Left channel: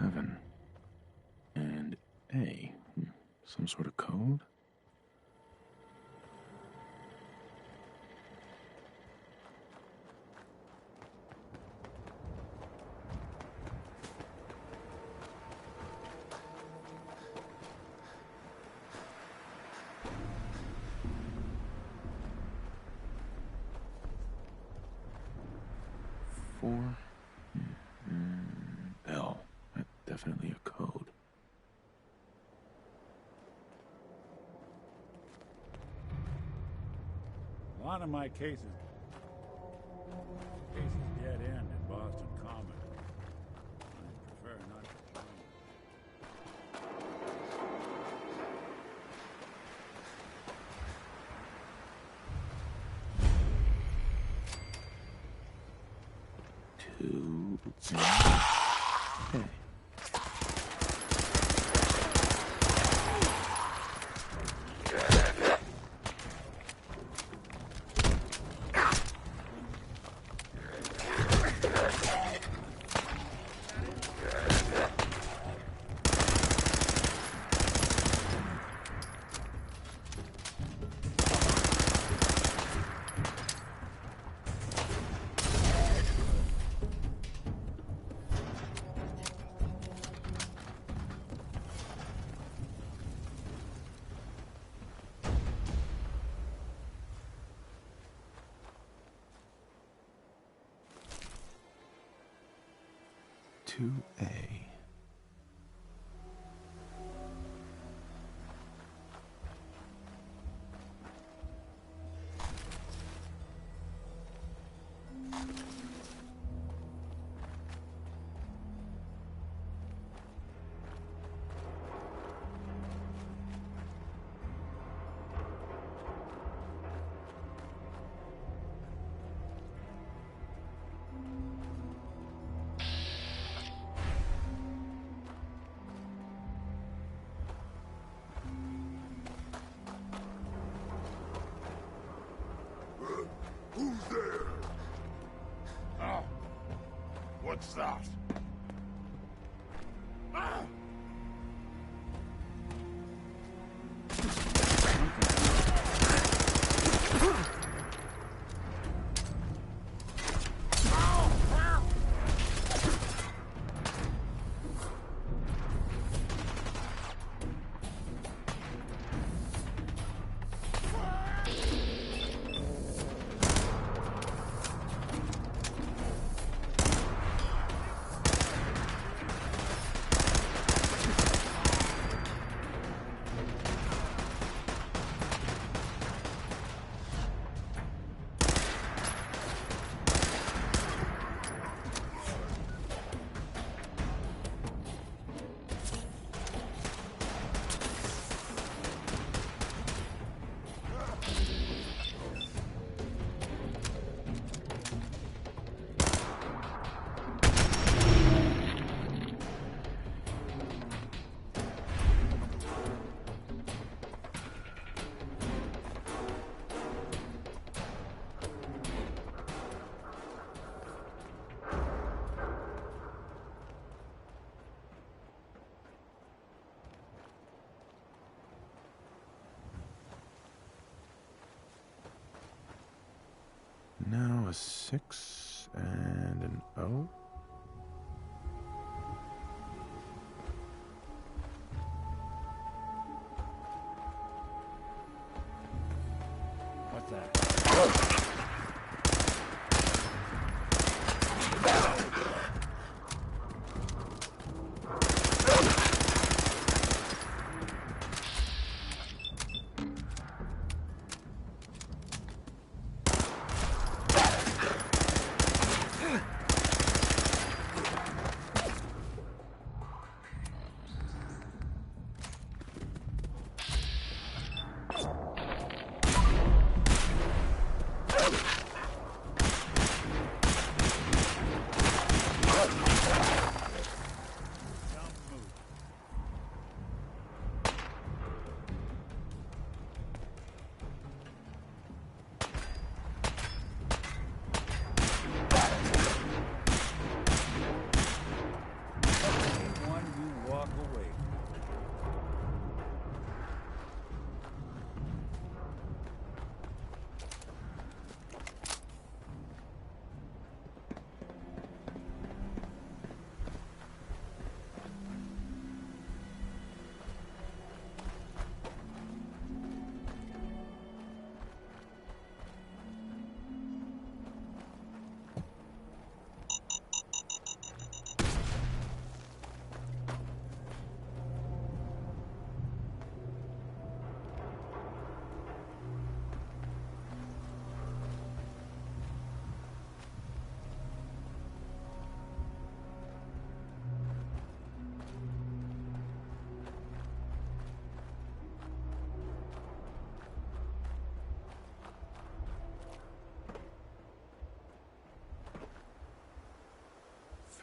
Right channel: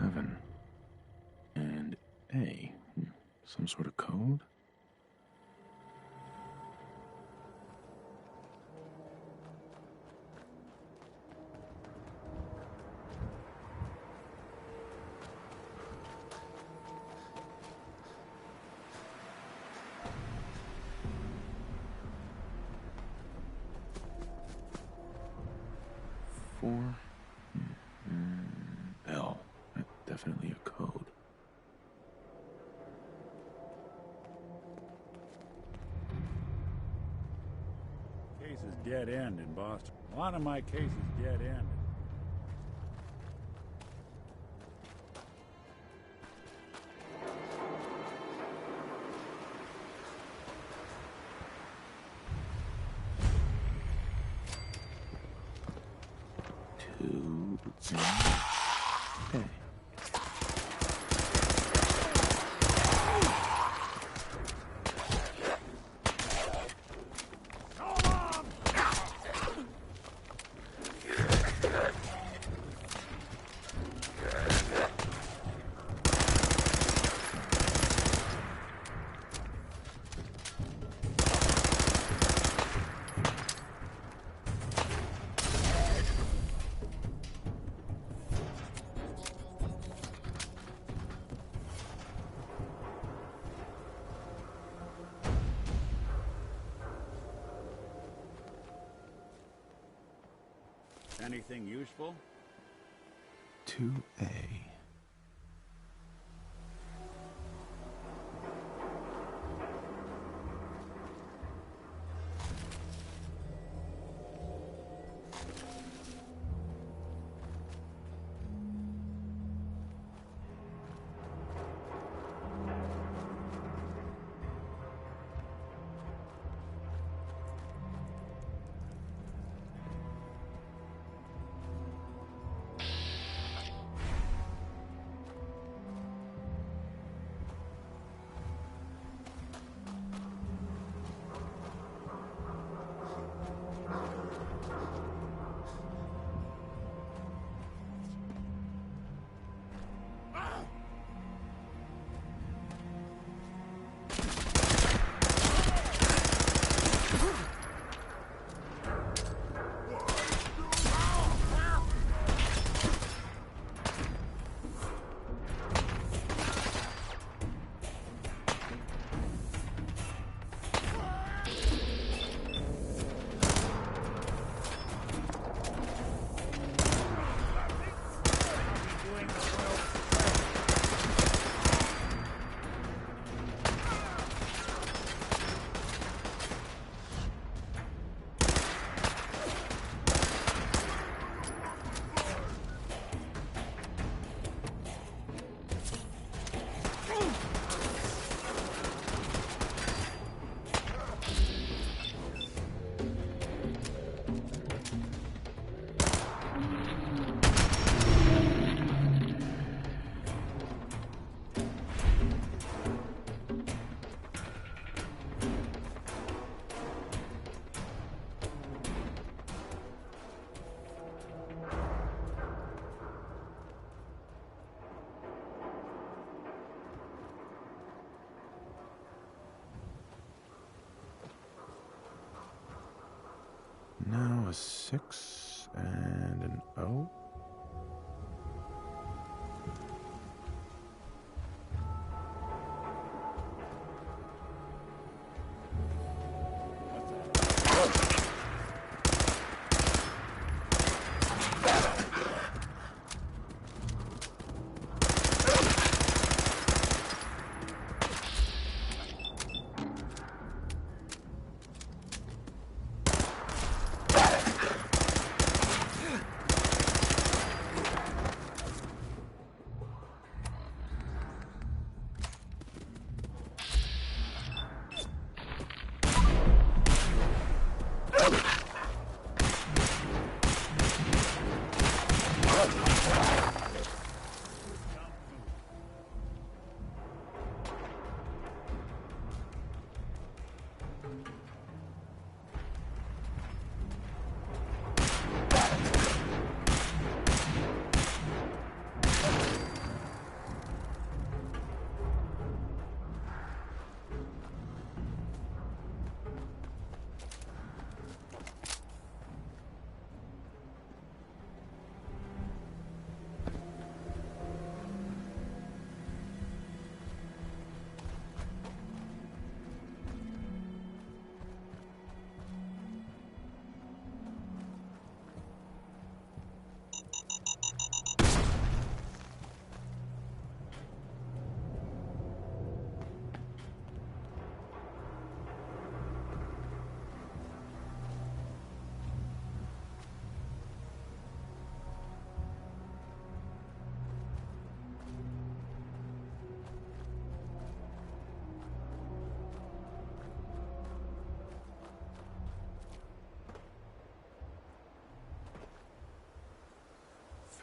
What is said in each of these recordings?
7 and A. Some sort of code? Four L. That's definitely a code. A lot of my cases dead end in Boston. A lot of my cases dead end in Boston Common. Prefer not to. Two A. Anything useful? 2A. What's that? Now a 6 and an O. What's that?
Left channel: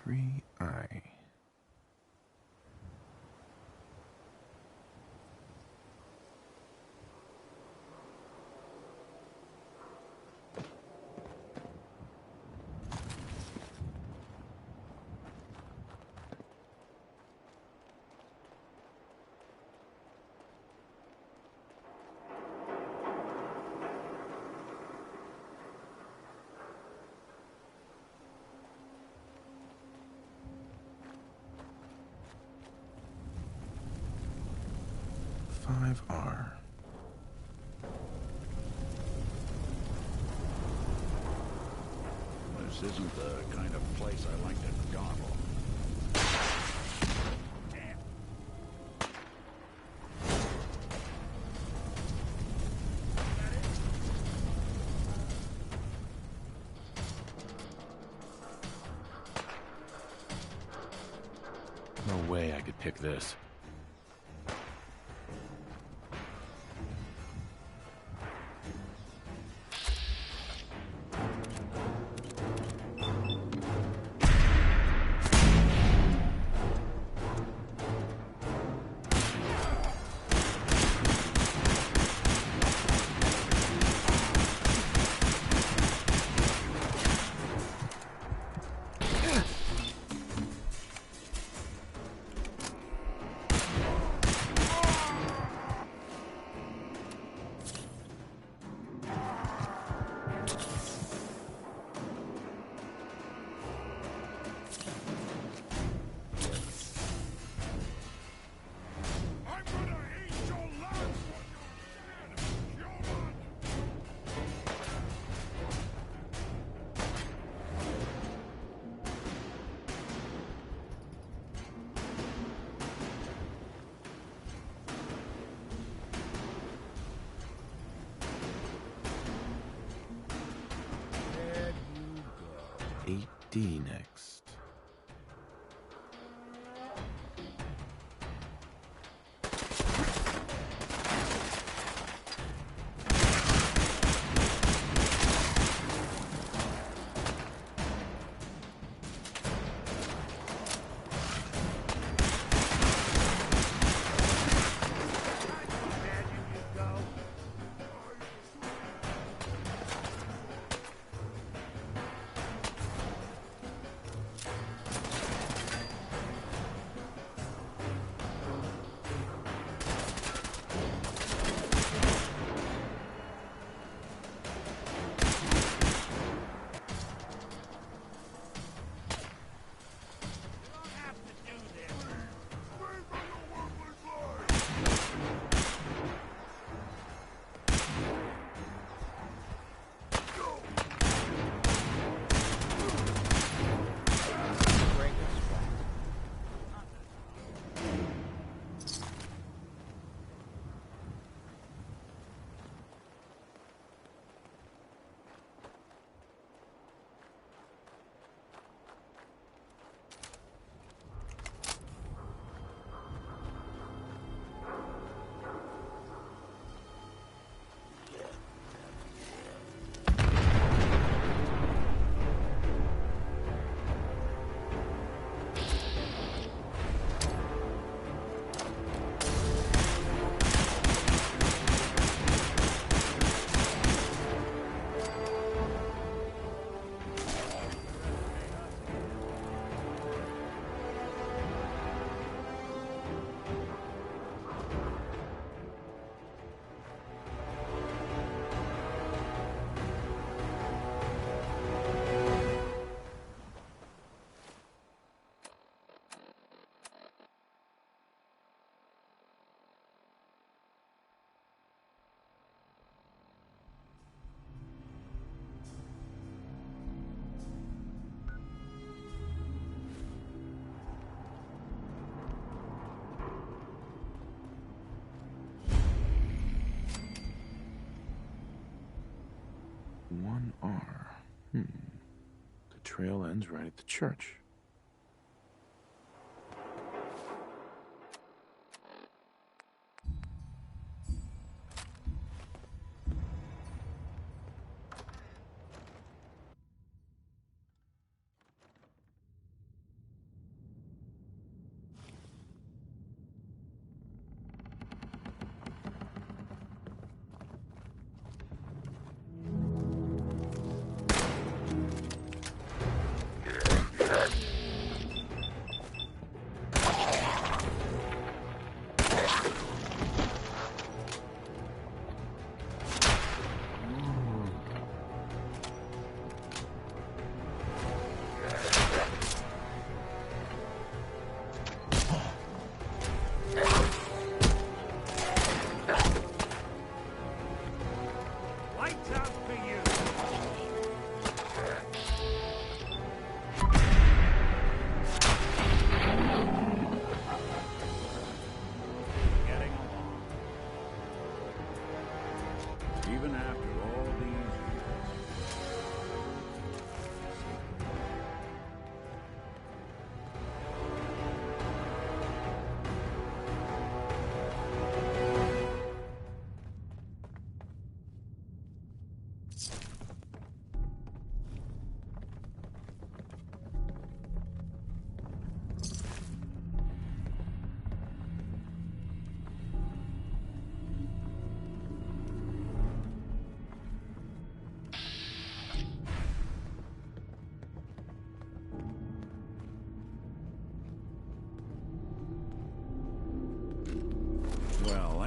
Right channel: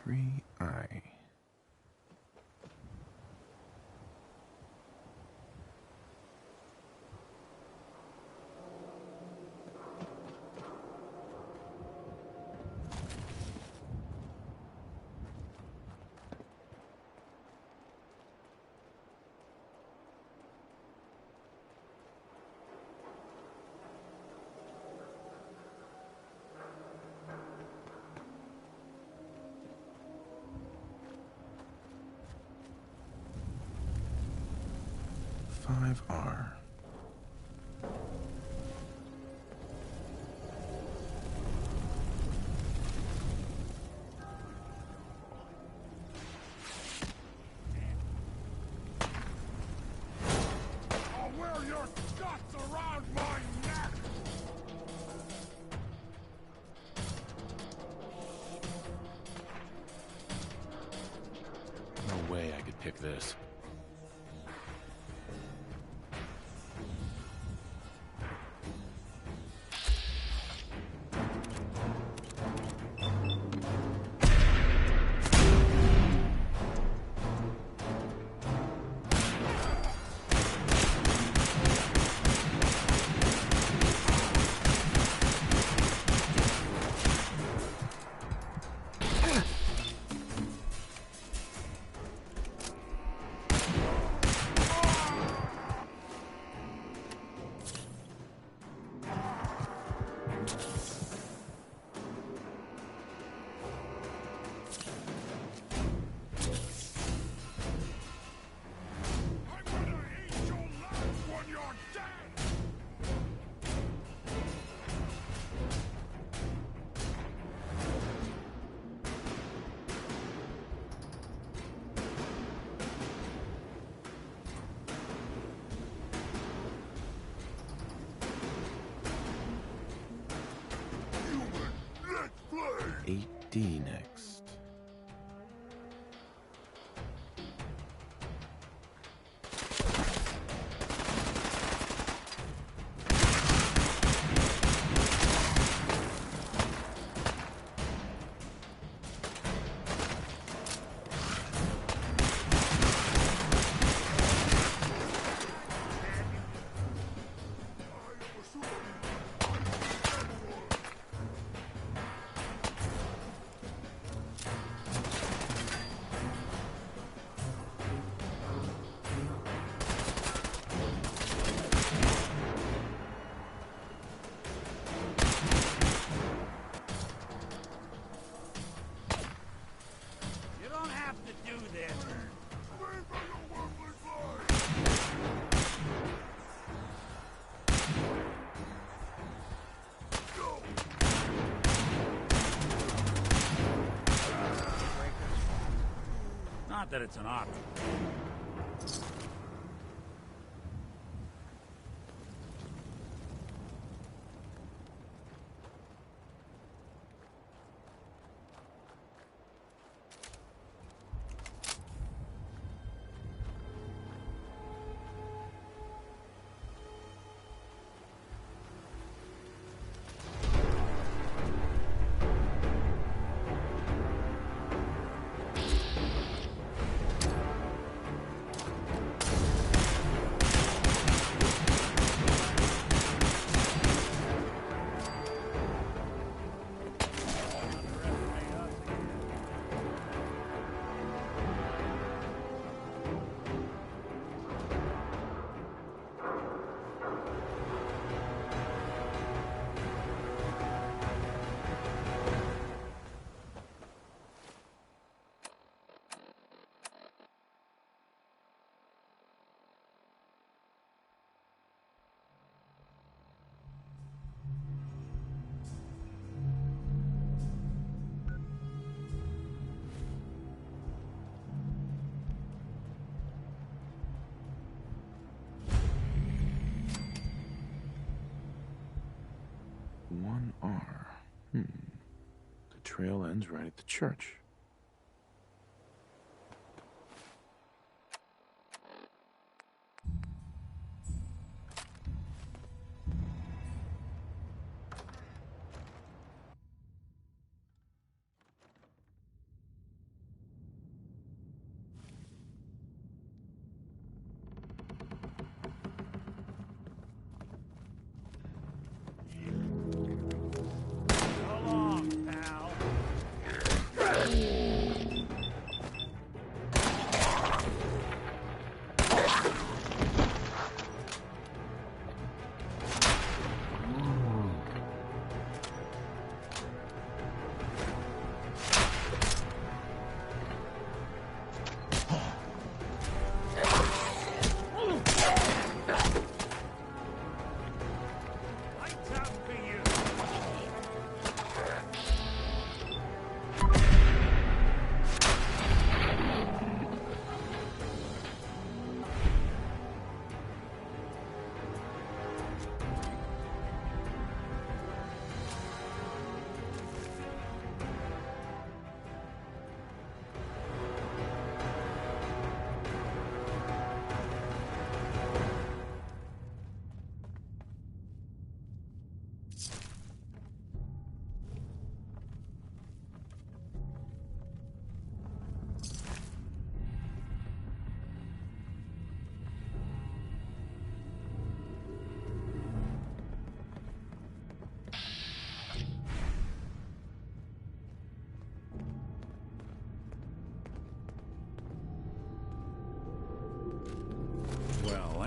3I. R. This isn't the kind of place I like to dawdle. Damn. Oh, well, your stuff's around my neck! No way I could pick this. D next. Not that it's an option. One R. The trail ends right at the church.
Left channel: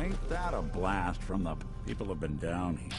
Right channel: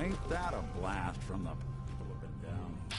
ain't that a blast from the people have been down here.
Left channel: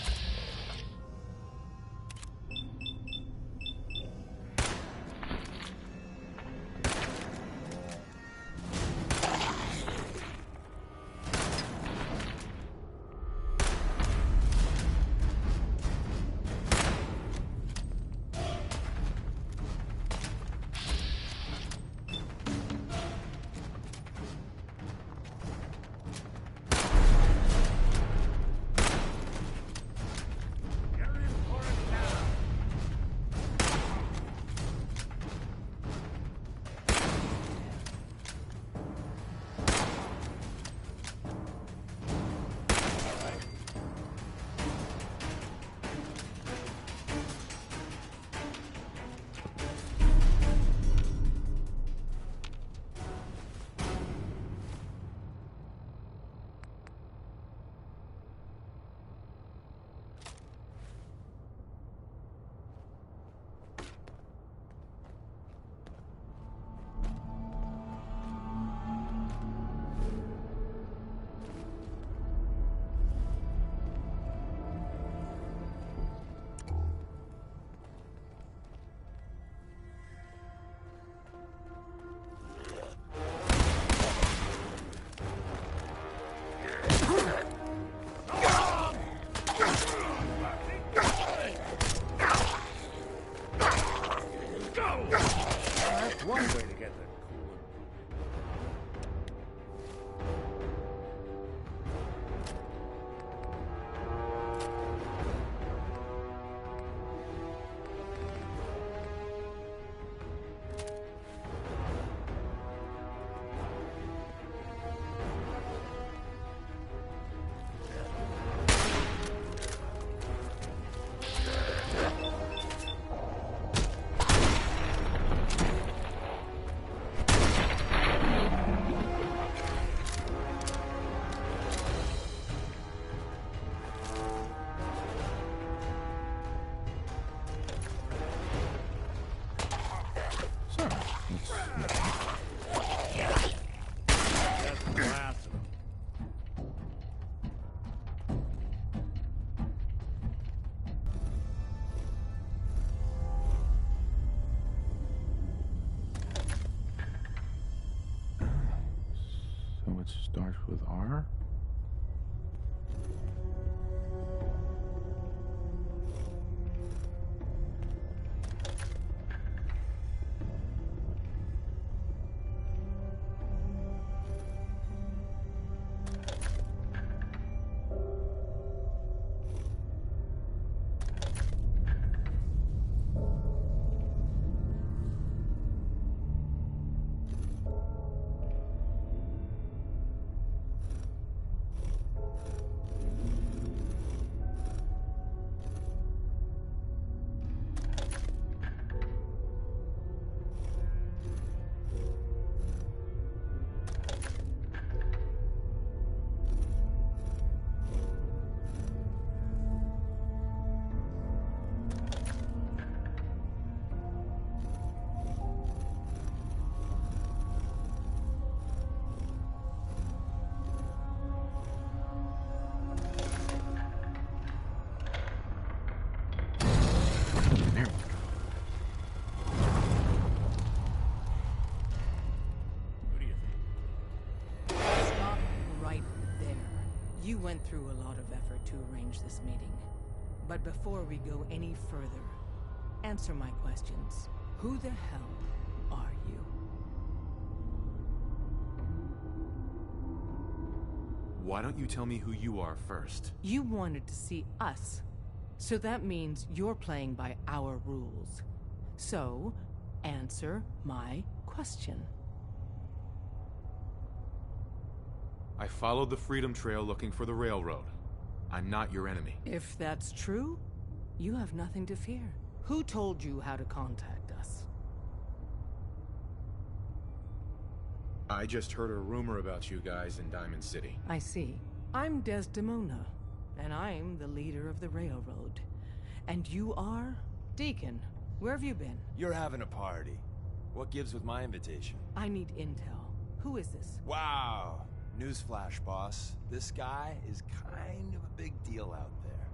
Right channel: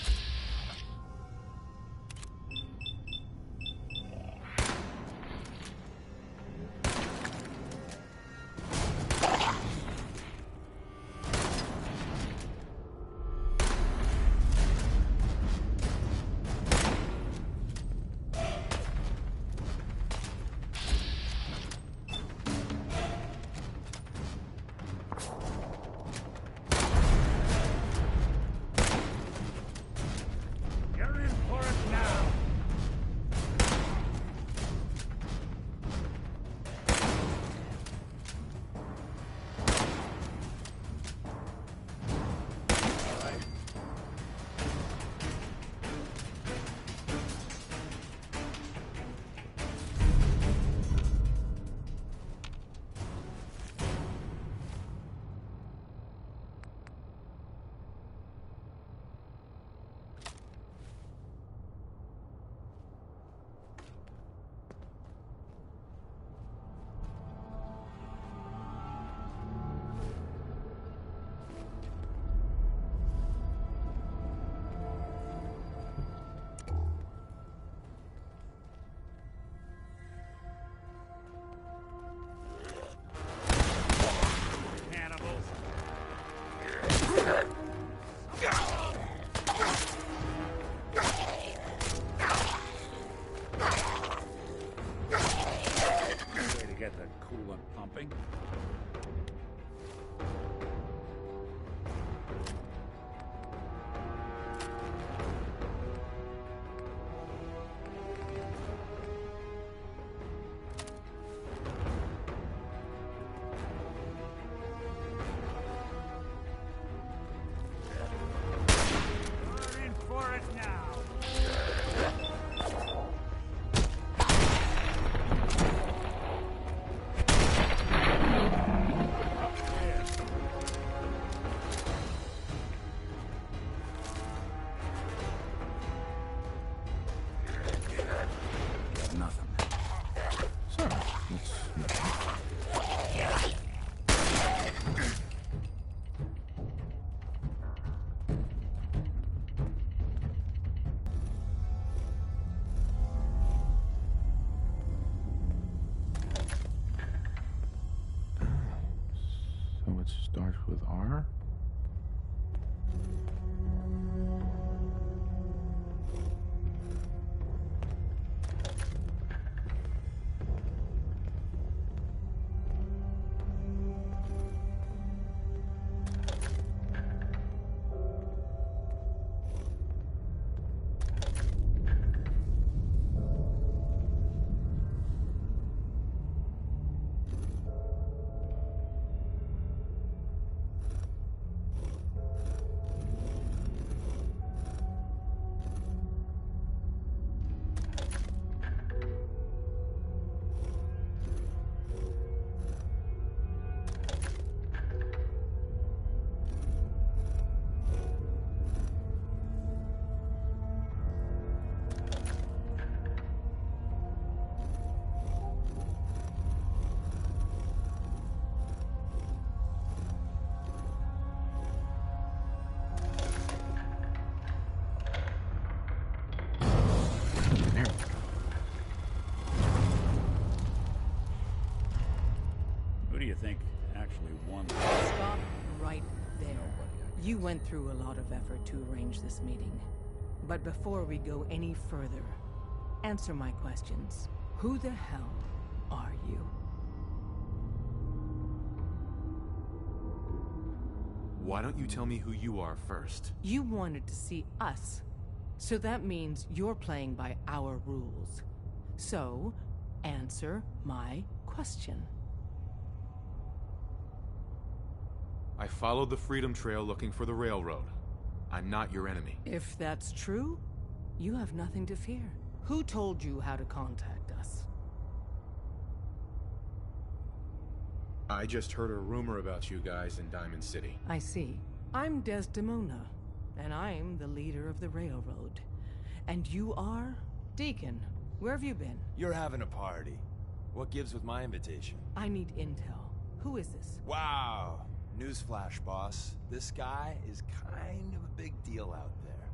So it starts with R? You went through a lot of effort to arrange this meeting. But before we go any further, answer my questions. Who the hell are you? Why don't you tell me who you are first? You wanted to see us. So that means you're playing by our rules. So, answer my question. I followed the Freedom Trail looking for the railroad. I'm not your enemy. If that's true, you have nothing to fear. Who told you how to contact us? I just heard a rumor about you guys in Diamond City. I see. I'm Desdemona, and I'm the leader of the railroad. And you are? Deacon, where have you been? You're having a party. What gives with my invitation? I need intel. Who is this? Wow. Newsflash, boss. This guy is kind of a big deal out there.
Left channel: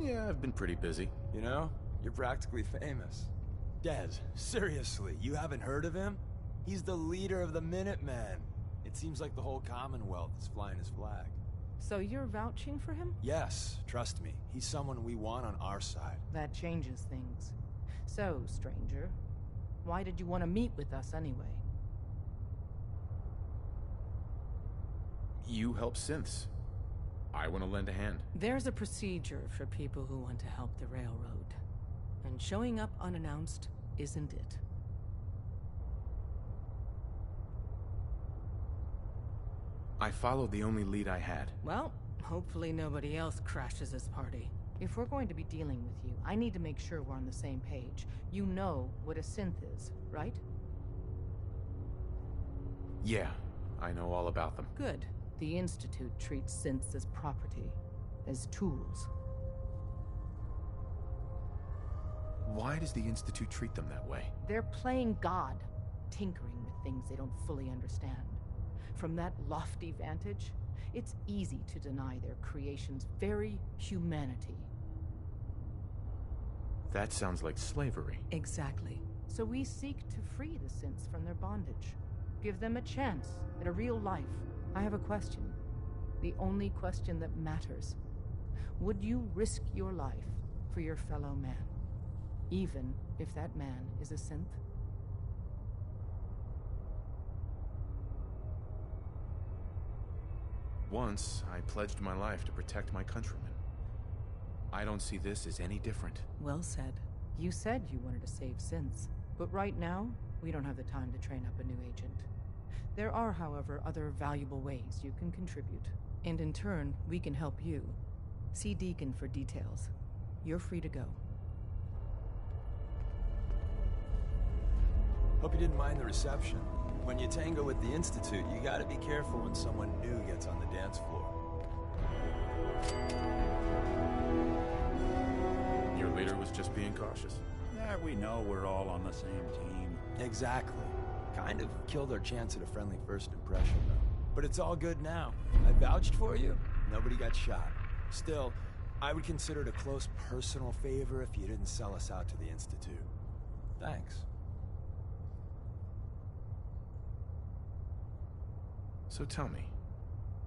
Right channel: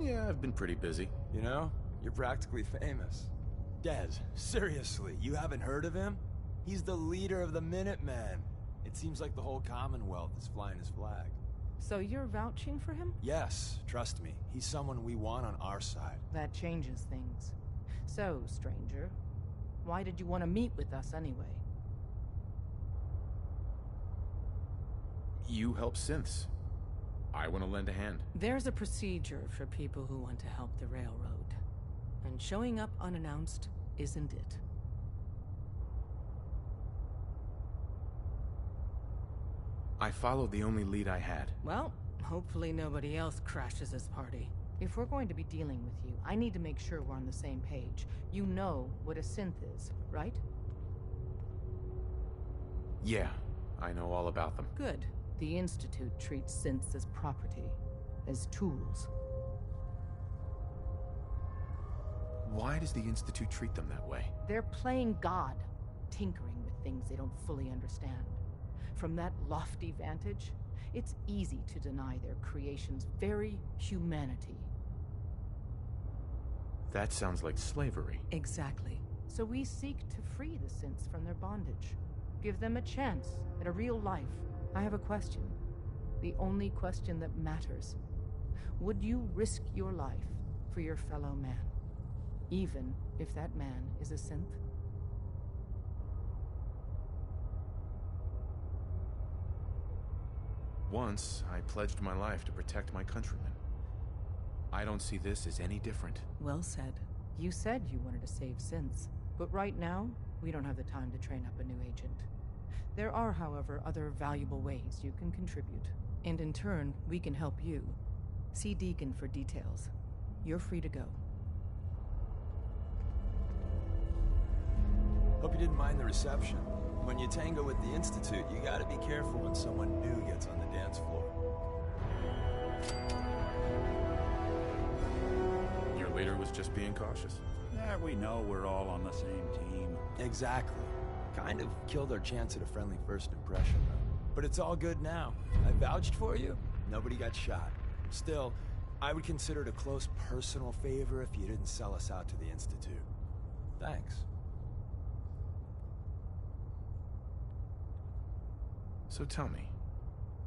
Yeah, I've been pretty busy. You know, you're practically famous. Des, seriously, you haven't heard of him? He's the leader of the Minutemen. It seems like the whole Commonwealth is flying his flag. So you're vouching for him? Yes, trust me. He's someone we want on our side. That changes things. So, stranger, why did you want to meet with us anyway? You help synths. I want to lend a hand. There's a procedure for people who want to help the railroad. And showing up unannounced isn't it. I followed the only lead I had. Well, hopefully nobody else crashes this party. If we're going to be dealing with you, I need to make sure we're on the same page. You know what a synth is, right? Yeah, I know all about them. Good. The Institute treats synths as property, as tools. Why does the Institute treat them that way? They're playing God, tinkering with things they don't fully understand. From that lofty vantage, it's easy to deny their creation's very humanity. That sounds like slavery. Exactly. So we seek to free the synths from their bondage. Give them a chance at a real life. I have a question. The only question that matters. Would you risk your life for your fellow man? Even if that man is a synth? Once, I pledged my life to protect my countrymen. I don't see this as any different. Well said. You said you wanted to save synths, but right now, we don't have the time to train up a new agent. There are, however, other valuable ways you can contribute. And in turn, we can help you. See Deacon for details. You're free to go. Hope you didn't mind the reception. When you tango with the Institute, you gotta be careful when someone new gets on the dance floor. Your leader was just being cautious. Yeah, we know we're all on the same team. Exactly. Kind of killed our chance at a friendly first impression, though. But it's all good now. I vouched for you. Nobody got shot. Still, I would consider it a close personal favor if you didn't sell us out to the Institute. Thanks. So tell me,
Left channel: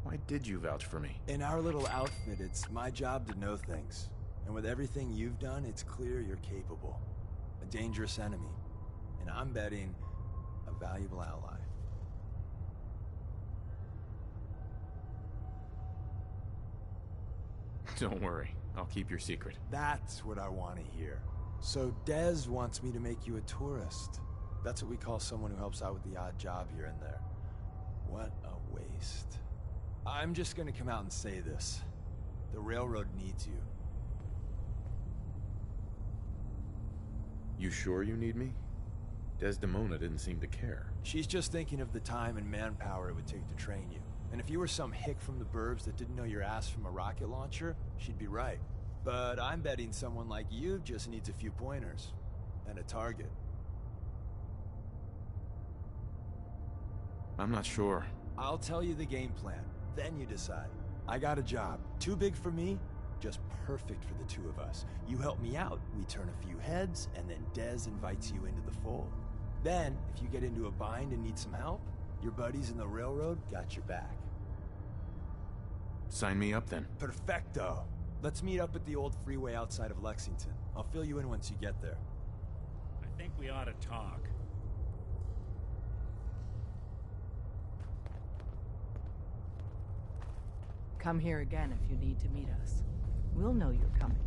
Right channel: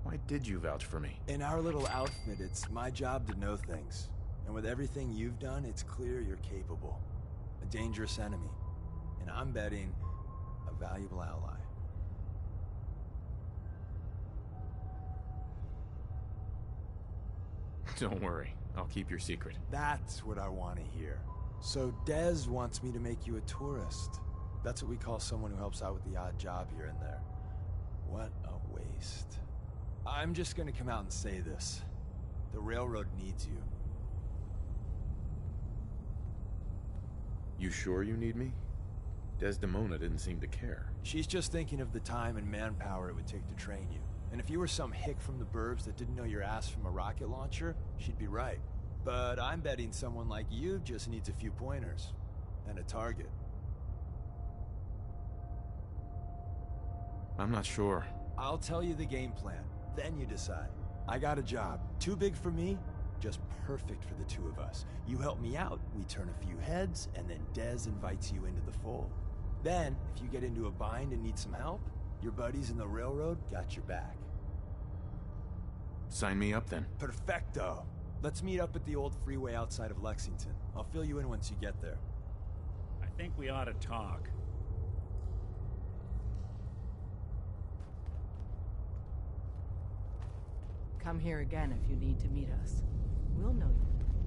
why did you vouch for me? In our little outfit, it's my job to know things. And with everything you've done, it's clear you're capable. A dangerous enemy. And I'm betting a valuable ally. Don't worry, I'll keep your secret. That's what I want to hear. So Dez wants me to make you a tourist. That's what we call someone who helps out with the odd job here and there. What a waste. I'm just gonna come out and say this. The railroad needs you. You sure you need me? Desdemona didn't seem to care. She's just thinking of the time and manpower it would take to train you. And if you were some hick from the burbs that didn't know your ass from a rocket launcher, she'd be right. But I'm betting someone like you just needs a few pointers. And a target. I'm not sure. I'll tell you the game plan, then you decide. I got a job. Too big for me, just perfect for the two of us. You help me out, we turn a few heads, and then Dez invites you into the fold. Then, if you get into a bind and need some help, your buddies in the railroad got your back. Sign me up then. Perfecto. Let's meet up at the old freeway outside of Lexington. I'll fill you in once you get there. I think we ought to talk. Come here again if you need to meet us. We'll know you're coming.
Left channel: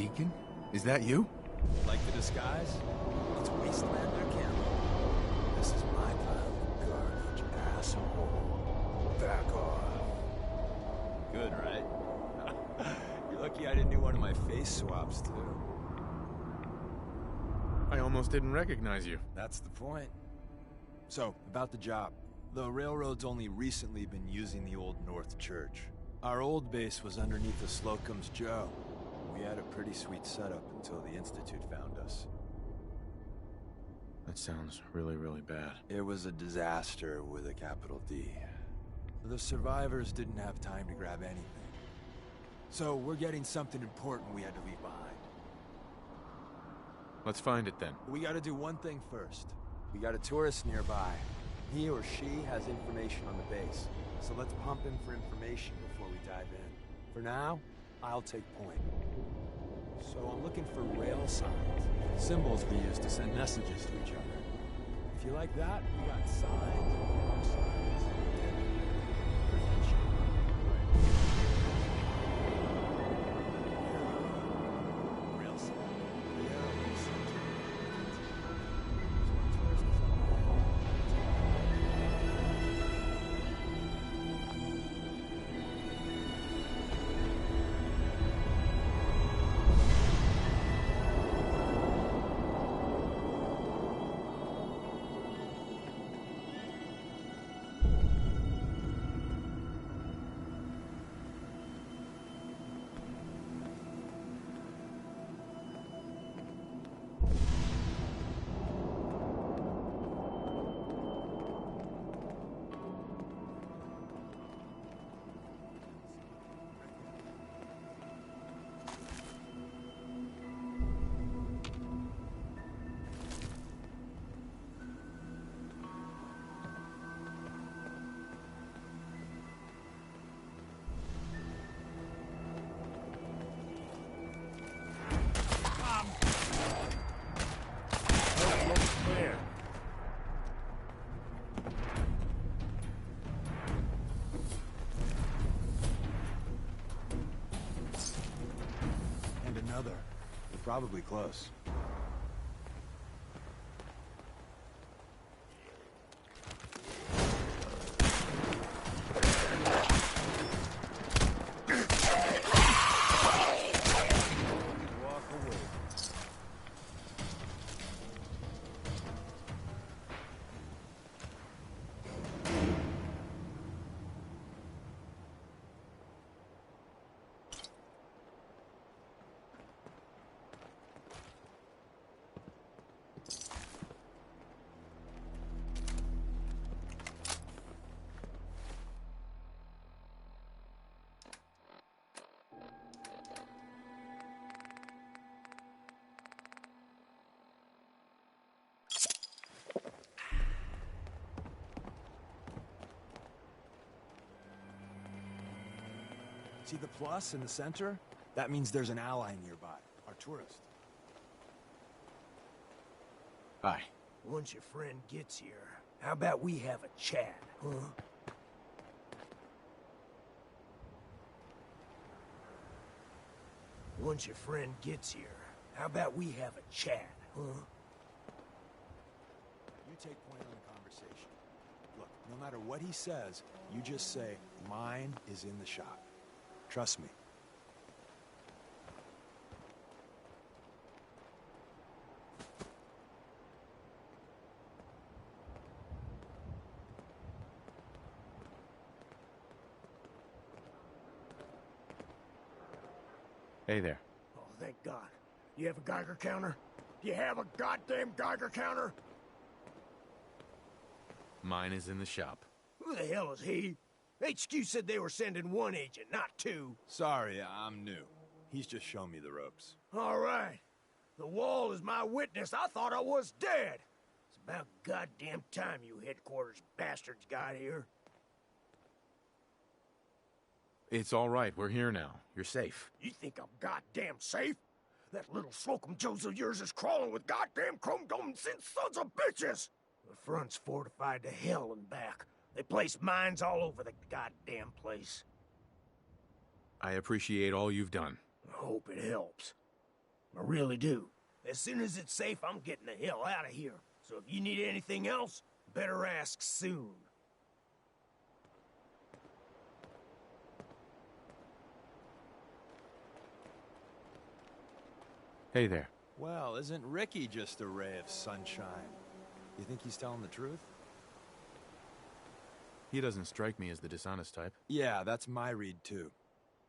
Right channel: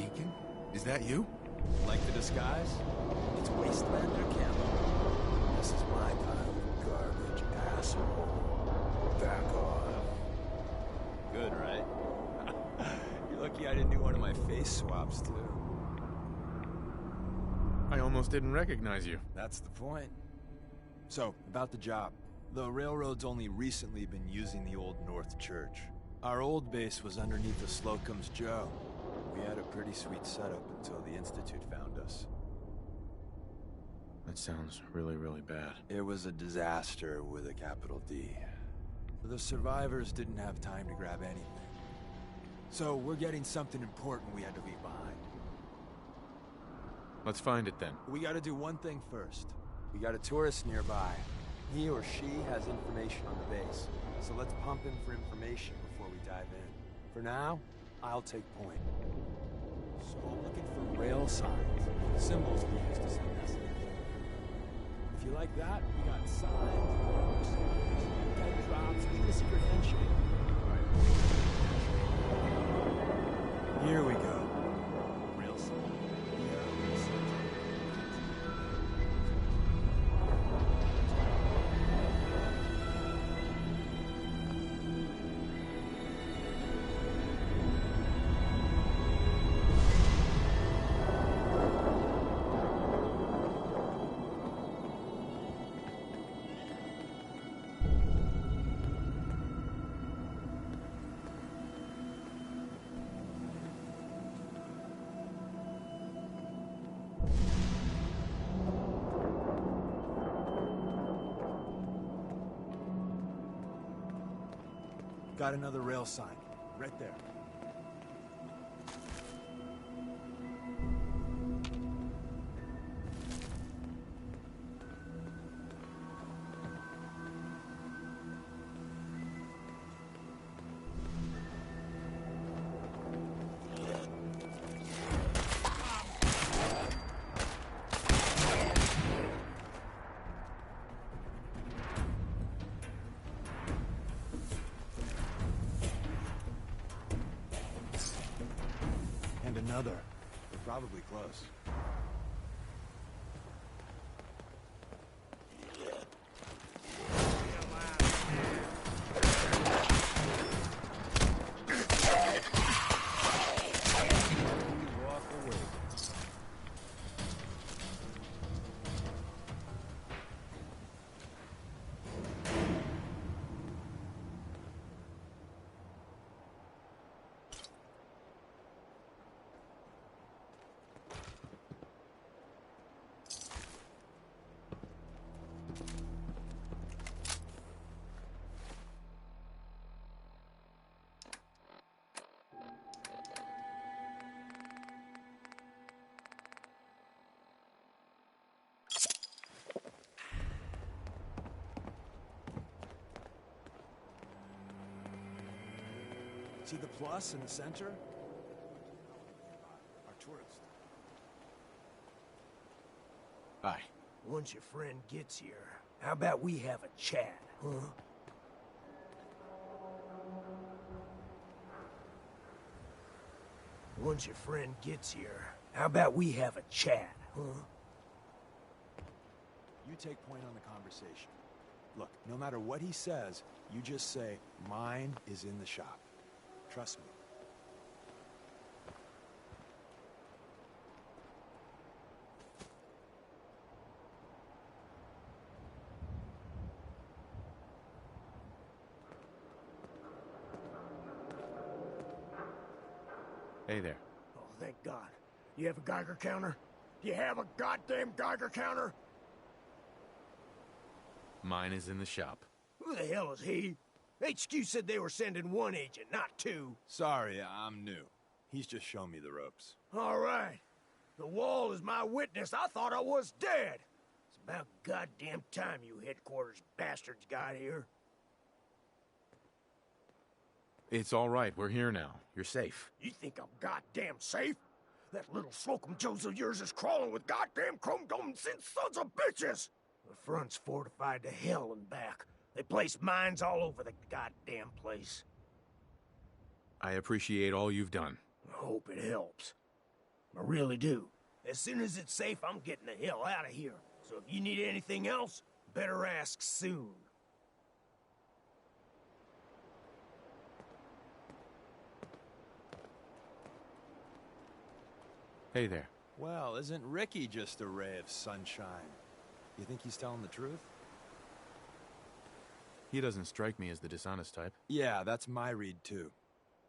Deacon? Is that you? Like the disguise? It's Wastelander camo. This is my pile of garbage, asshole. Back off. Good, right? You're lucky I didn't do one of my face swaps, too. I almost didn't recognize you. That's the point. So, about the job. The railroad's only recently been using the old North Church. Our old base was underneath the Slocum's Joe. We had a pretty sweet setup until the Institute found us. That sounds really, really bad. It was a disaster with a capital D. The survivors didn't have time to grab anything. So we're getting something important we had to leave behind. Let's find it then. We gotta do one thing first. We got a tourist nearby. He or she has information on the base. So let's pump him for information before we dive in. For now, I'll take point. So I'm looking for rail signs. Symbols we use to send messages to each other. If you like that, we got signs, car signs, dead drops, a secret handshake. Here we go. Rail sign. The arrow in the center. Got another rail sign, right there. Another. We're probably close. Walk away. See the plus in the center? That means there's an ally nearby, our tourist. Hi. Once your friend gets here, how about we have a chat, huh? Once your friend gets here, how about we have a chat, huh? You take point on the conversation. Look, no matter what he says, you just say, mine is in the shop. Trust me. Hey there. Oh, thank God. You have a Geiger counter? You have a goddamn Geiger counter? Mine is in the shop. Who the hell is he? HQ said they were sending one agent, not two. Sorry, I'm new. He's just shown me the ropes. All right. The wall is my witness. I thought I was dead. It's about goddamn time you headquarters bastards got here. It's all right. We're here now. You're safe. You think I'm goddamn safe? That little Slocum Joes of yours is crawling with goddamn chrome-dome sons of bitches! The front's fortified to hell and back. They placed mines all over the goddamn place. I appreciate all you've done. I hope it helps. I really do. As soon as it's safe, I'm getting the hell out of here. So if you need anything else, better ask soon. Hey there. Well, isn't Ricky just a ray of sunshine? You think he's telling the truth? He doesn't strike me as the dishonest type. Yeah, that's my read too.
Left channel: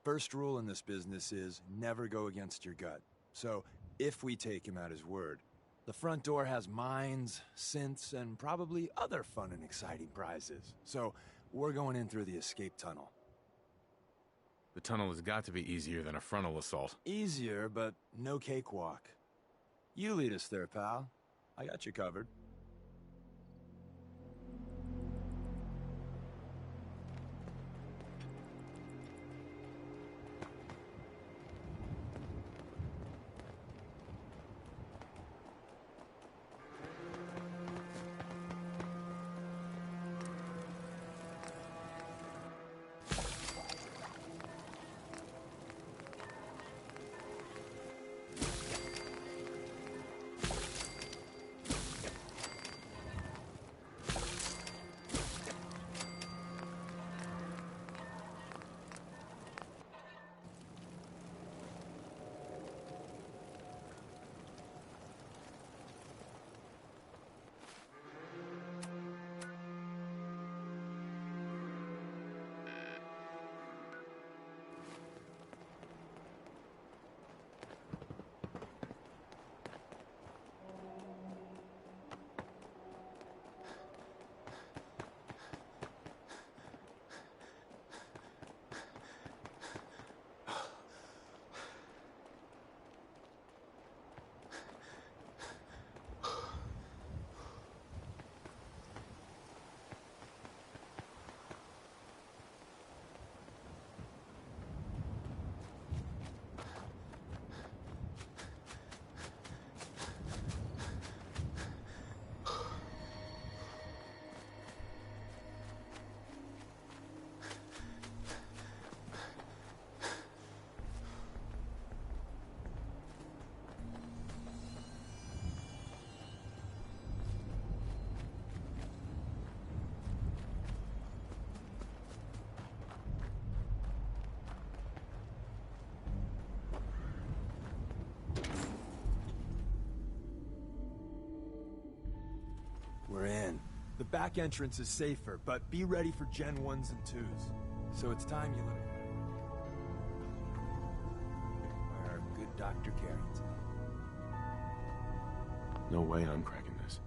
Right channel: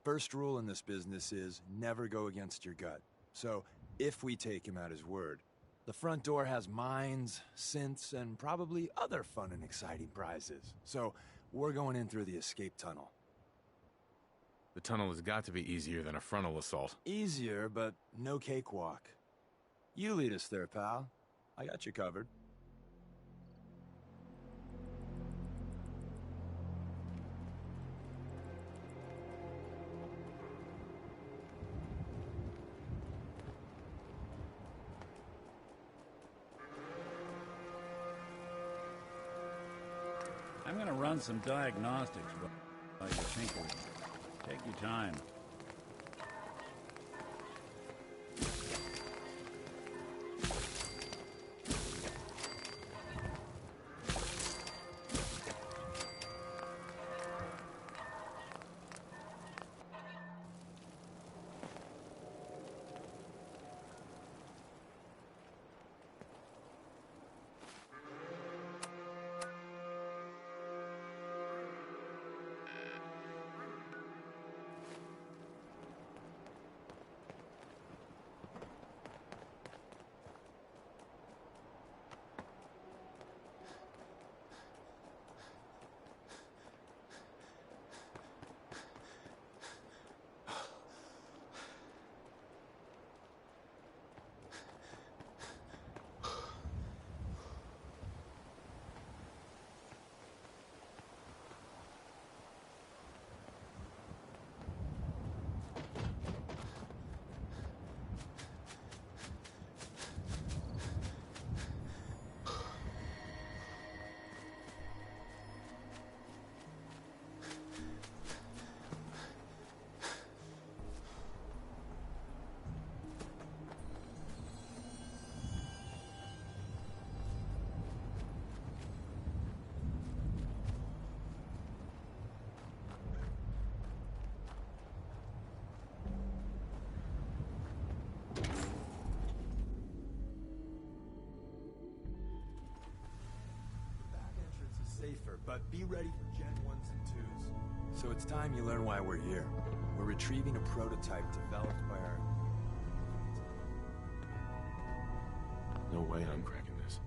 First rule in this business is never go against your gut. So, if we take him at his word, the front door has mines, synths, and probably other fun and exciting prizes. So, we're going in through the escape tunnel. The tunnel has got to be easier than a frontal assault. Easier, but no cakewalk. You lead us there, pal. I got you covered. I'm gonna run some diagnostics. Take your time. We're in. The back entrance is safer, but be ready for Gen 1s and 2s. So it's time you learn why we're here. We're retrieving a prototype developed by our good Dr. Carrington. No way I'm cracking this.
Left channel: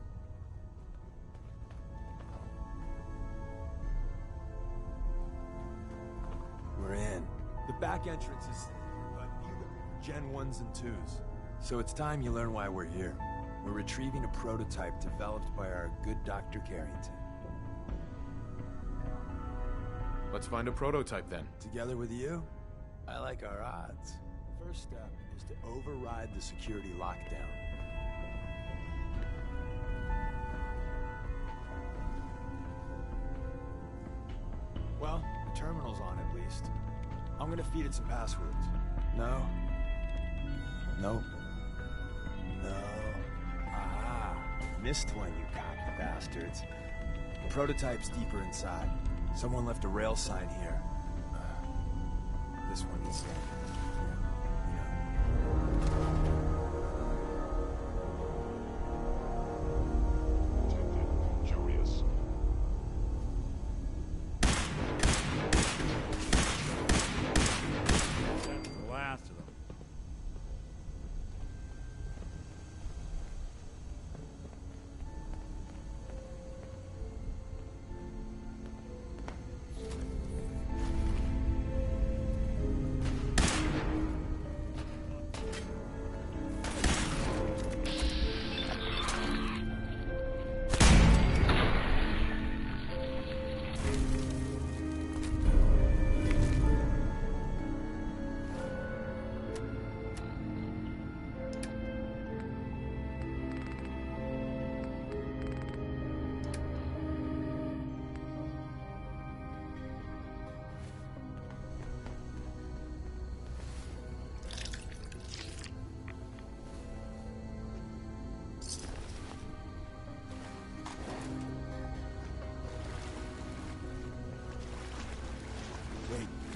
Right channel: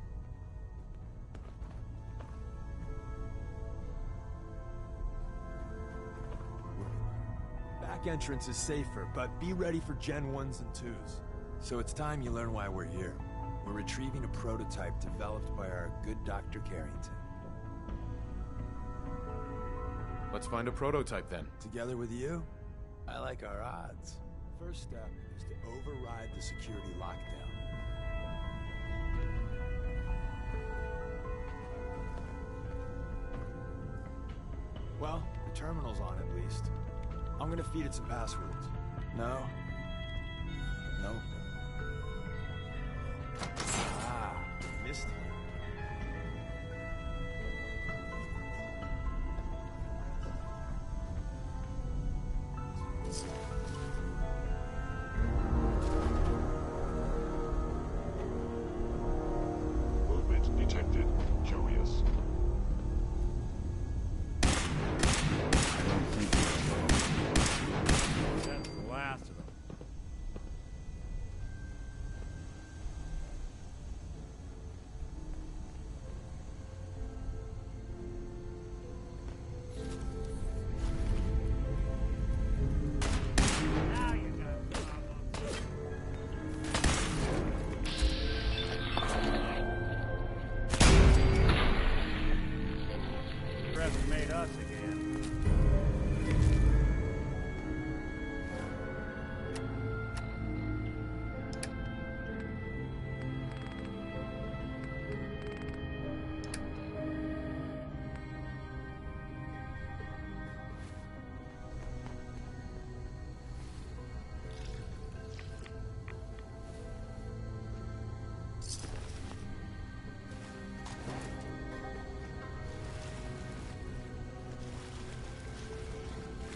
We're in. The back entrance is safer, but be ready for Gen 1s and 2s. So it's time you learn why we're here. We're retrieving a prototype developed by our good Dr. Carrington. Let's find a prototype then. Together with you, I like our odds. First step is to override the security lockdown. Well, the terminal's on at least. I'm gonna feed it some passwords. No. Nope. Missed one, you cocky bastards. The prototype's deeper inside. Someone left a rail sign here. This one's... Movement detected. Curious. That's the last of them.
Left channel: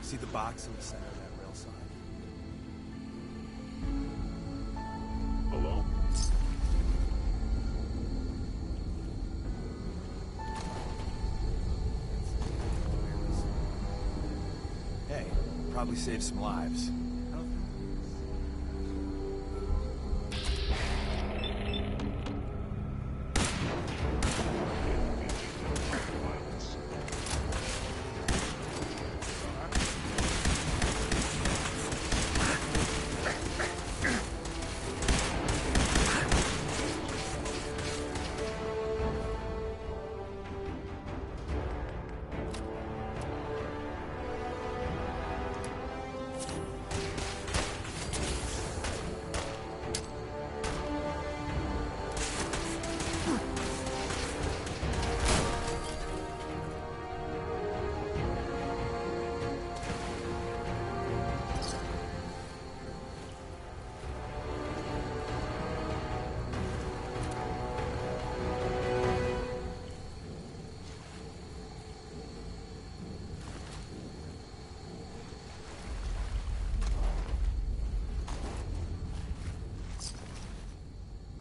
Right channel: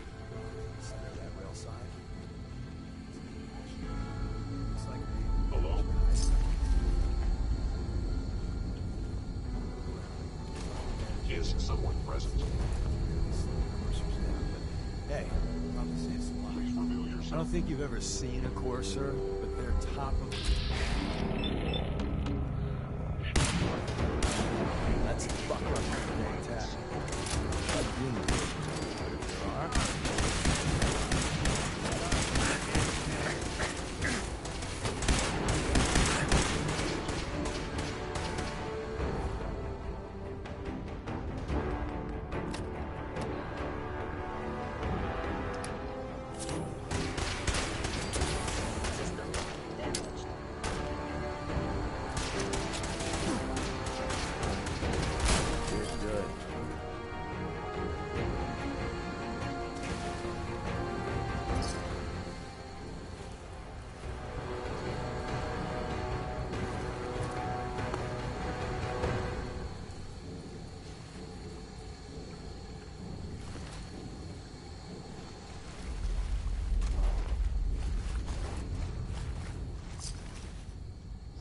See the box in the center of that rail sign? Hello? Is someone present? Hey, probably saved some lives. I don't think you've ever seen a courser, but they're top of the... That's a fucking like that.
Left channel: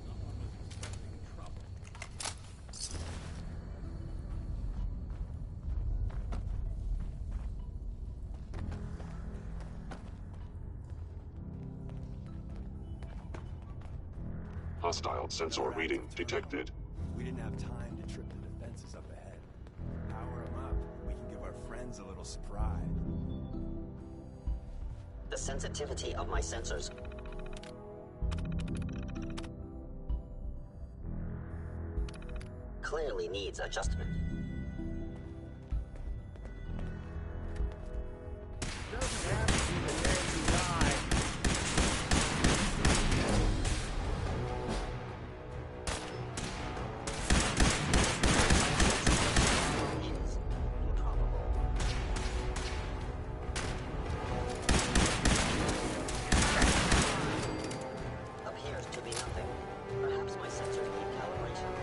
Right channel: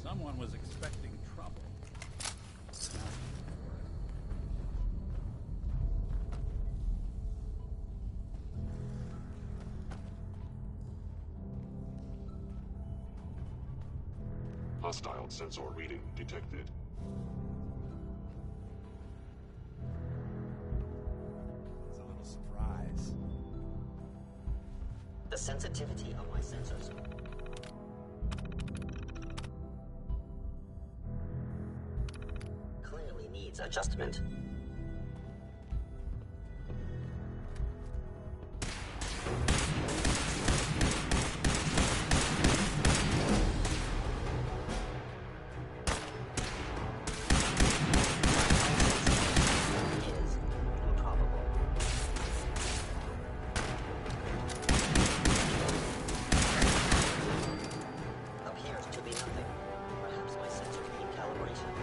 Someone was expecting trouble. Hostile sensor reading detected. We didn't have time to trip the defenses up ahead. Power them up. We can give our friends a little surprise. The sensitivity of my sensors. Clearly needs adjustment. Is improbable. Appears to be nothing. Perhaps my sensors need calibration.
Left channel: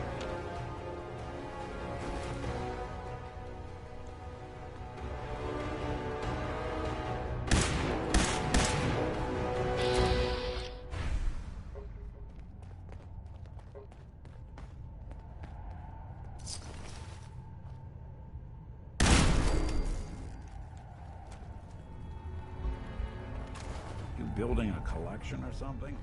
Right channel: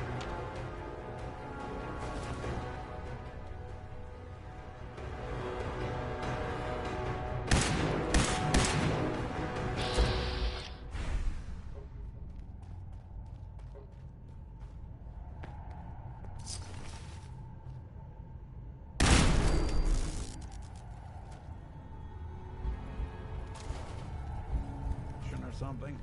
You building a collection or something?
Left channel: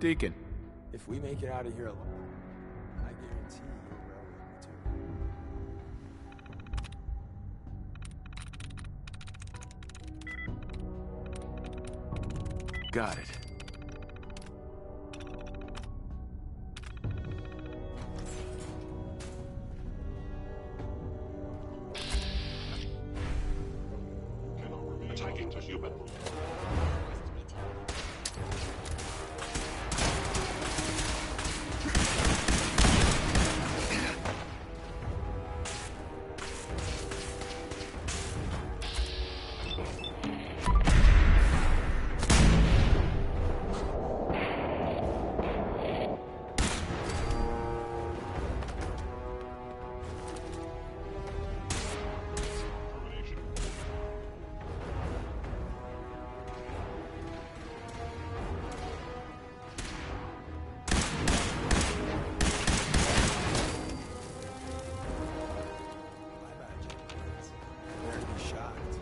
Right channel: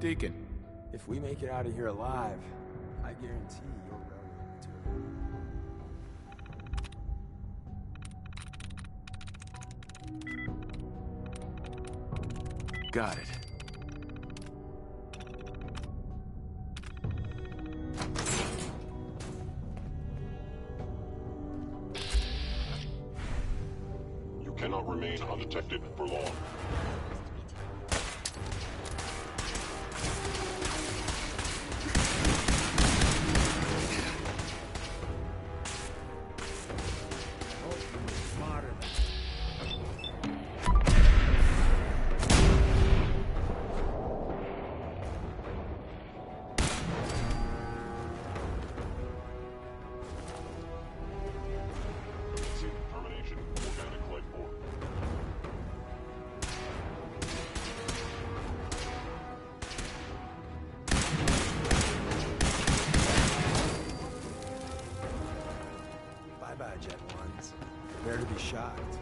Deacon, If we make it out of here alive, I guarantee your railroad material. Got it. You cannot remain undetected for long. Termination. Organic life form. Bye-bye, Jet Ones. Prepare to be shocked.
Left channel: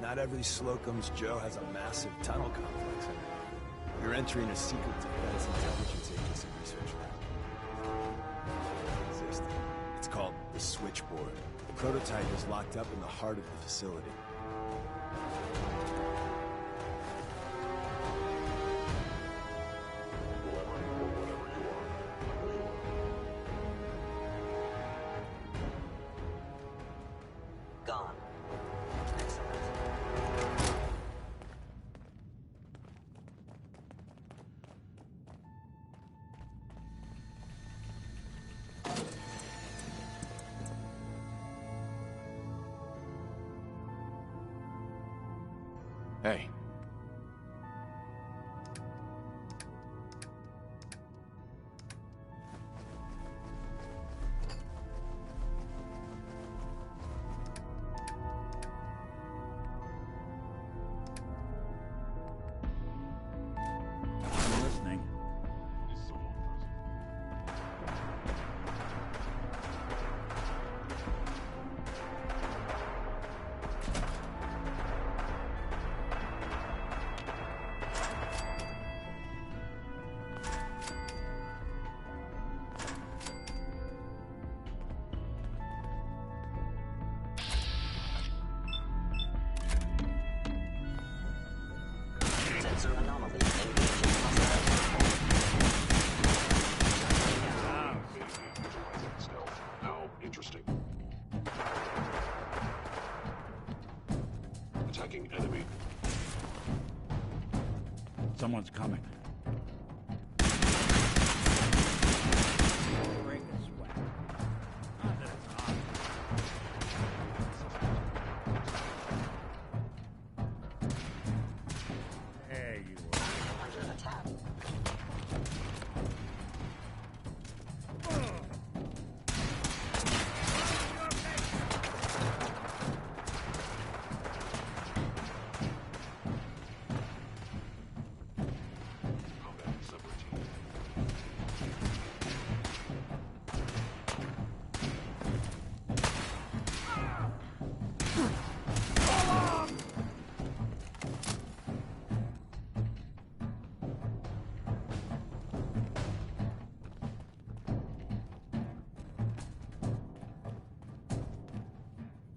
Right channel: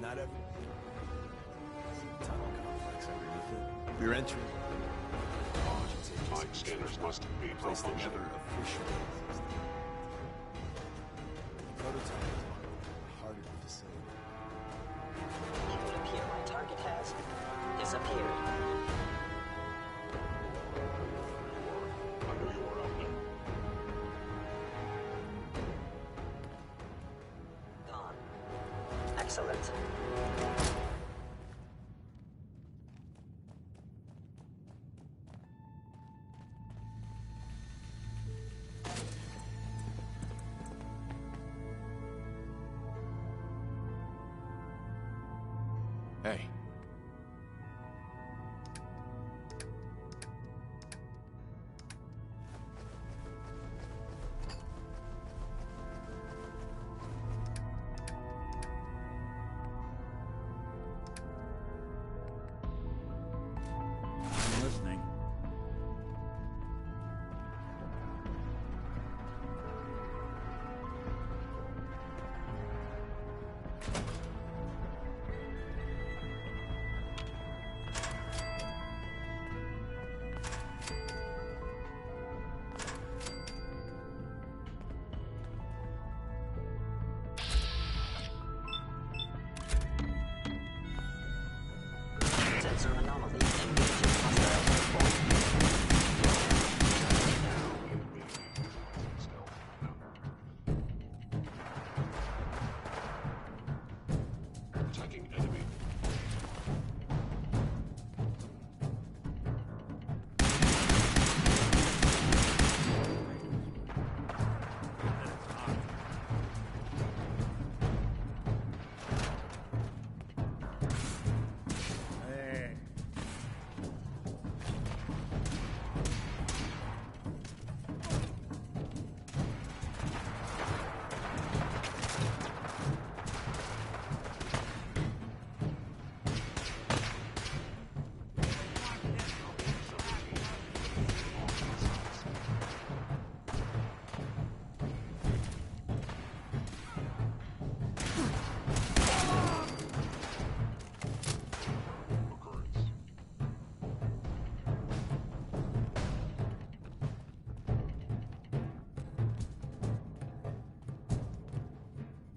Not every Slocum's Joe has a massive tunnel complex underneath it. We're entering a secret defense intelligence agency research lab, a place that never officially existed. It's called the Switchboard. The prototype is locked up in the heart of the facility. Target has disappeared. Whoever or whatever you are, I know you are out there. Gone. Excellent. Hey. I'm listening. Sensor anomaly. Engaging hostile platform. Stealth. Now interesting. Attacking enemy. Someone's coming. Break a sweat. Not that it's hot. There you are. Under attack.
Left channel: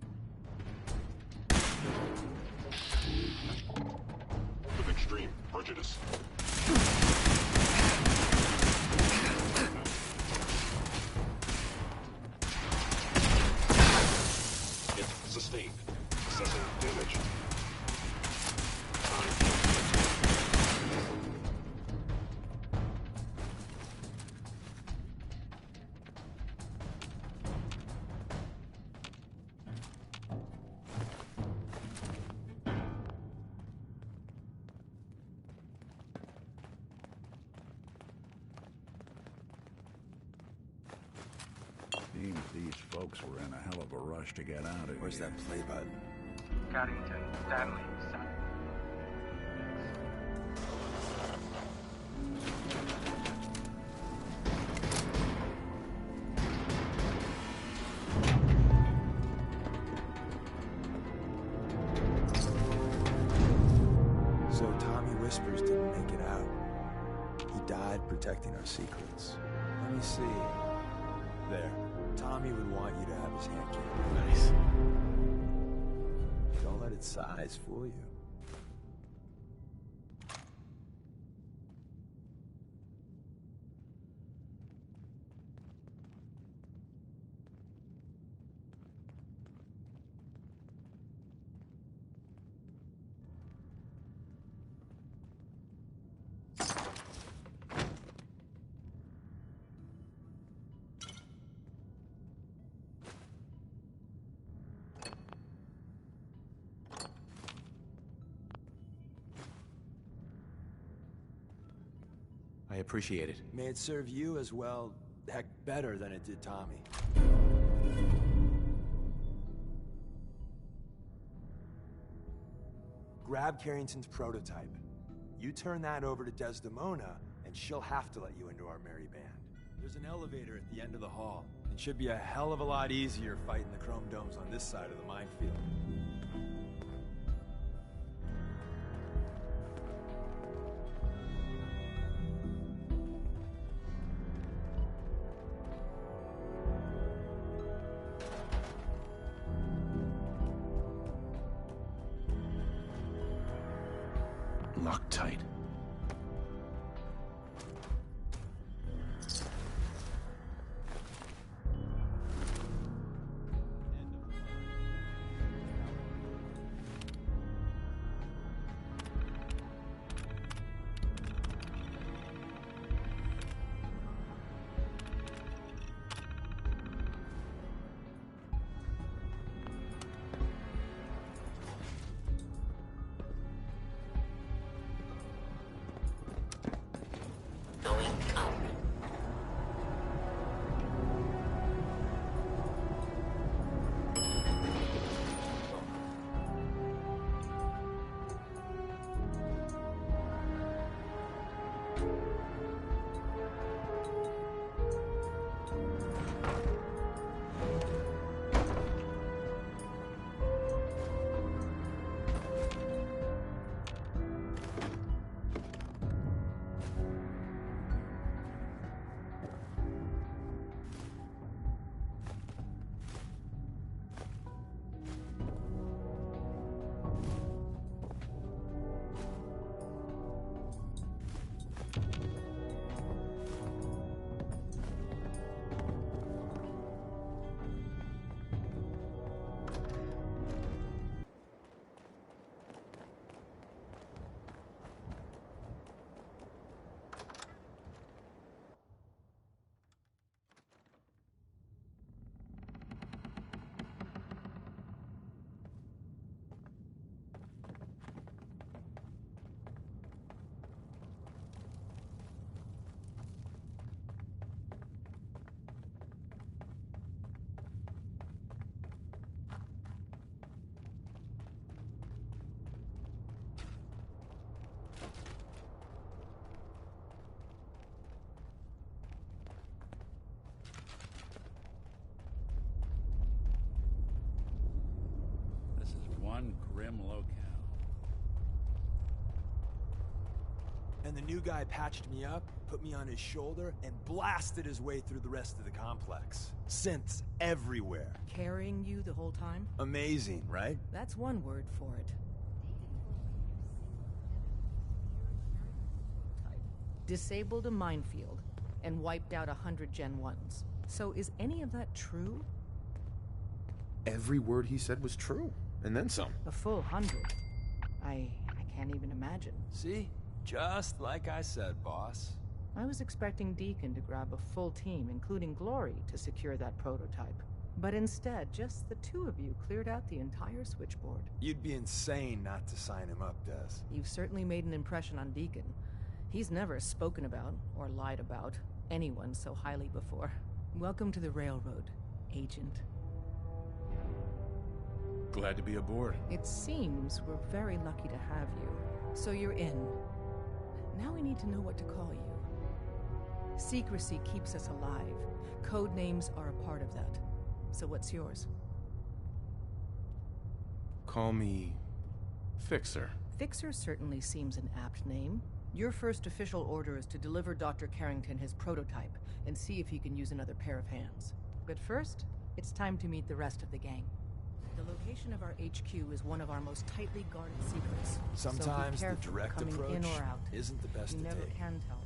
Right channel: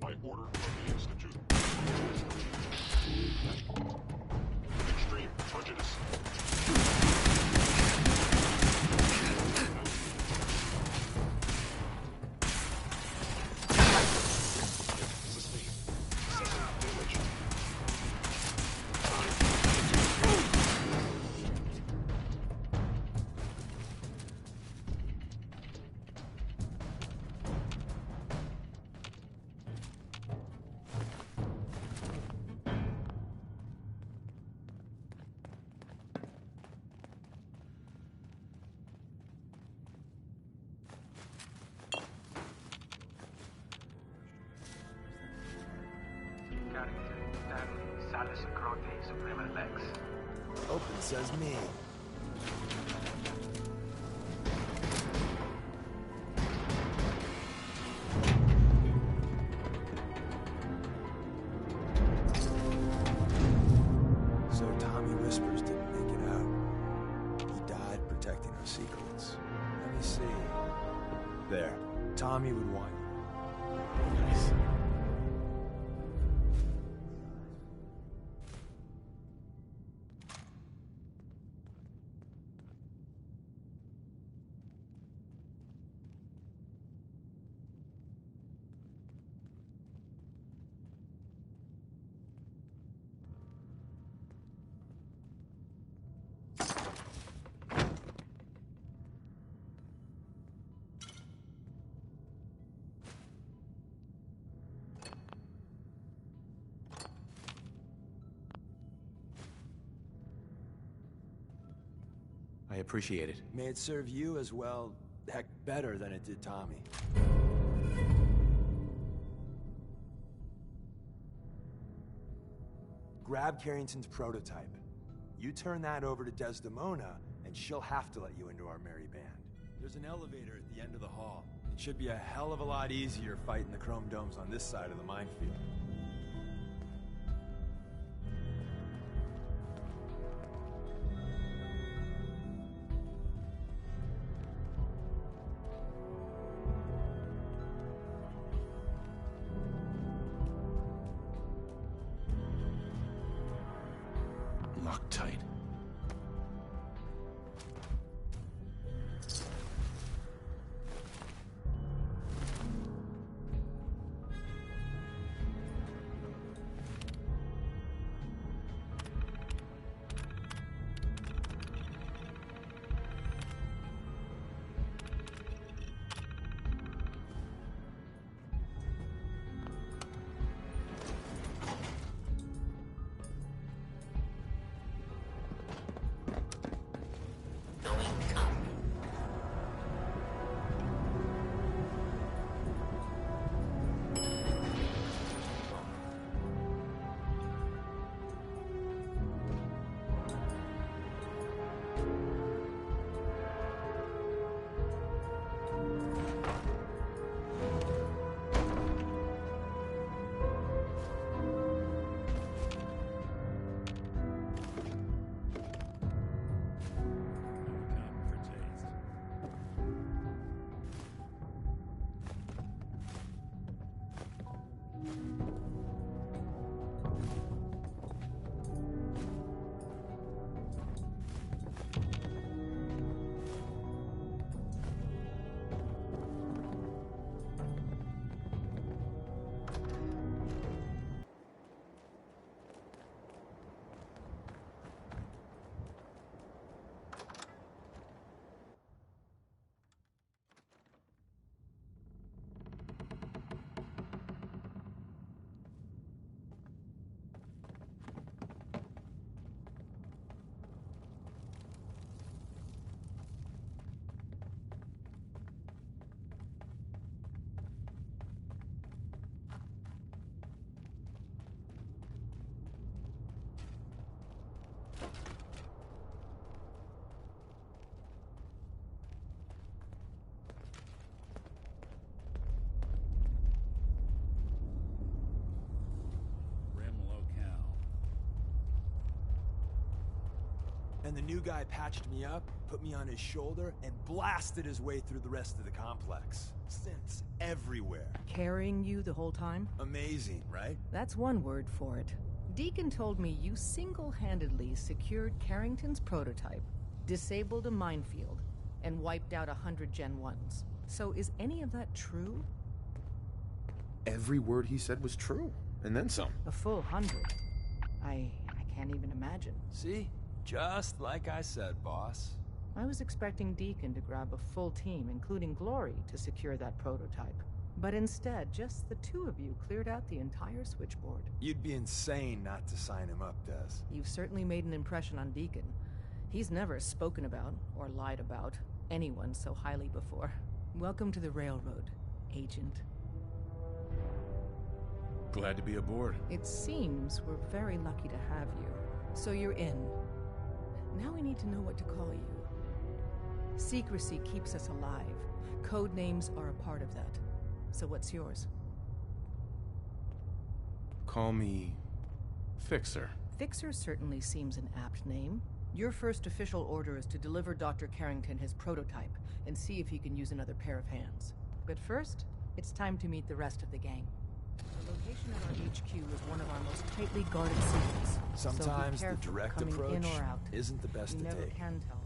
By order of the Institute. With extreme prejudice. Hit sustained. Assessing damage. These folks were in a hell of a rush to get out of here. Where's that play button? Carrington, Stanley, Sanderson, Grotes, River Lex. Oh, it says me. So Tommy Whispers didn't make it out. He died protecting our secrets. Let me see. There. Tommy would want you to have his hands on it. Nice. Don't let its size fool you. I appreciate it. May it serve you as well, heck, better than it did Tommy. Grab Carrington's prototype. You turn that over to Desdemona, and she'll have to let you into our merry band. There's an elevator at the end of the hall. It should be a hell of a lot easier fighting the chrome domes on this side of the minefield. Loctite. Then the new guy patched me up, put me on his shoulder, and blasted his way through the rest of the complex. Synths everywhere. Carrying you the whole time? Amazing, right? That's one word for it. Deacon told me you single-handedly secured Carrington's prototype, disabled a minefield, and wiped out 100 Gen 1s. So is any of that true? Every word he said was true, and then some. A full 100. I can't even imagine. See? Just like I said, boss. I was expecting Deacon to grab a full team, including Glory, to secure that prototype. But instead, just the two of you cleared out the entire switchboard. You'd be insane not to sign him up, Des. You've certainly made an impression on Deacon. He's never spoken about, or lied about, anyone so highly before. Welcome to the Railroad, Agent. Glad to be aboard. It seems we're very lucky to have you. So you're in. Now we need to know what to call you. Secrecy keeps us alive. Code names are a part of that. So what's yours? Call me Fixer. Fixer certainly seems an apt name. Your first official order is to deliver Dr. Carrington his prototype and see if he can use another pair of hands. But first, it's time to meet the rest of the gang. The location of our HQ is one of our most tightly guarded secrets. Sometimes so be the careful direct coming approach in or out. isn't the best You to never take. can tell